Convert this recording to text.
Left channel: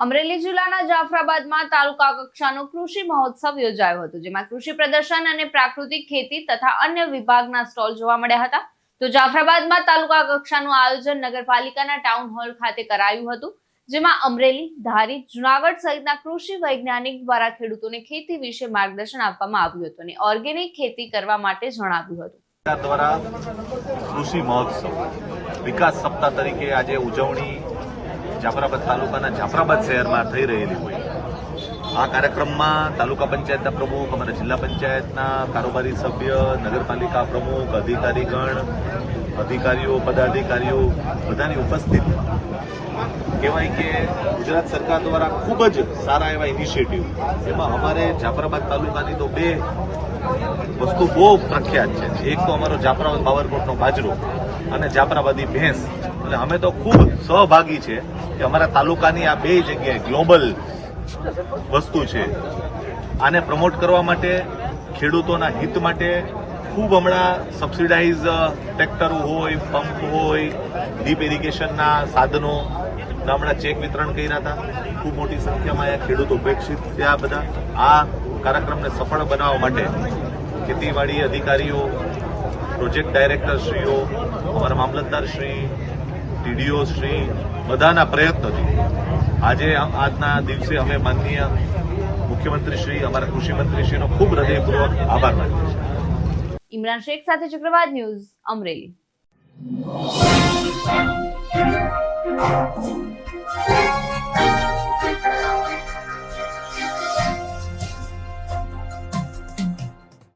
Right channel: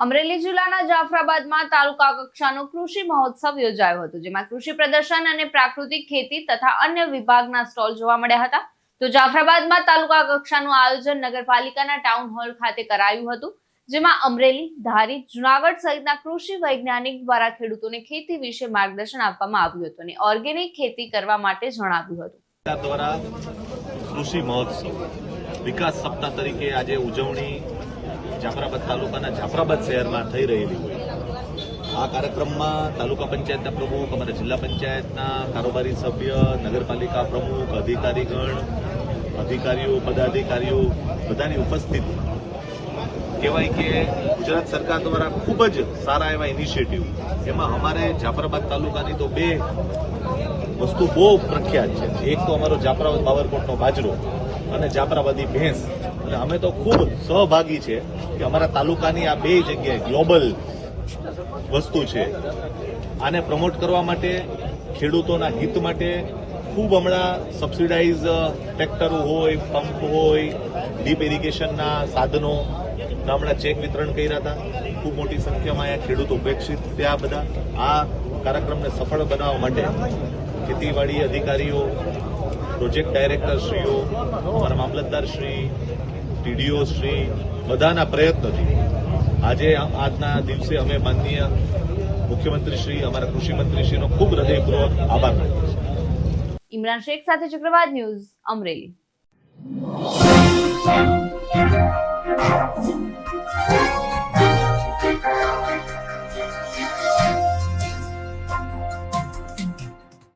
અમરેલી જિલ્લાના જાફરાબાદમાં તાલુકા કક્ષાનો કૃષિ મહોત્સવ યોજાયો હતો, જેમાં કૃષિ પ્રદર્શન અને પ્રાકૃતિક ખેતી તથા અન્ય વિભાગના સ્ટોલ જોવા મળ્યા હતા. તો જાફરાબાદમાં તાલુકા કક્ષાનું આયોજન નગરપાલિકાના ટાઉન હોલ ખાતે કરાયું હતું, જેમાં અમરેલી, ધારી, જુનાગઢ સહિતના કૃષિ વૈજ્ઞાનિક દ્વારા ખેડૂતોને ખેતી વિશે માર્ગદર્શન આપવામાં આવ્યું હતું અને ઓર્ગેનિક ખેતી કરવા માટે જણાવ્યું હતું. દ્વારા કૃષિ મહોત્સવ વિકાસ સપ્તાહ તરીકે આજે ઉજવણી જાફરાબાદ તાલુકાના જાફરાબાદ શહેરમાં થઈ રહેલી હોય. આ કાર્યક્રમમાં તાલુકા પંચાયતના પ્રમુખ, અમારા જિલ્લા પંચાયતના કારોબારી સભ્ય, નગરપાલિકા પ્રમુખ, અધિકારીગણ, અધિકારીઓ, પદાધિકારીઓ બધાની ઉપસ્થિતિમાં કહેવાય કે ગુજરાત સરકાર દ્વારા ખૂબ જ સારા એવા ઇનિશિયેટિવ એમાં અમારે જાફરાબાદ તાલુકાની તો બે વસ્તુ બહુ પ્રખ્યાત છે. એક તો અમારો જાફરાબાદ પાવરકોટનો બાજરો અને જાફરાબાદી ભેંસ. એટલે અમે તો ખૂબ સહભાગી છે કે અમારા તાલુકાની આ બે જગ્યાએ ગ્લોબલ વસ્તુ છે. આને પ્રમોટ કરવા માટે ખેડૂતોના હિત માટે ખૂબ હમણાં સબસિડાઇઝ ટ્રેક્ટરો હોય પંપ હોય ડીપ ઇરિગેશનના સાધનો હમણાં ચેક વિતરણ કર્યા હતા. ખૂબ મોટી સંખ્યામાં એ ખેડૂતો ઉપેક્ષિત ત્યાં બધા. આ કાર્યક્રમને સફળ બનાવવા માટે ખેતીવાડી અધિકારીઓ પ્રોજેક્ટ ડાયરેક્ટરશ્રીઓ અમારા મામલતદારશ્રી ટીડીઓશ્રી બધાના પ્રયત્નોથી આજે આજના દિવસે અમે માનનીય મુખ્યમંત્રીશ્રી, અમારા કૃષિમંત્રીશ્રીનો ખૂબ હૃદયપૂર્વક આભાર માનીએ છીએ. ઇમરાન શેખ સાથે ચક્રવાત ન્યૂઝ અમરેલી.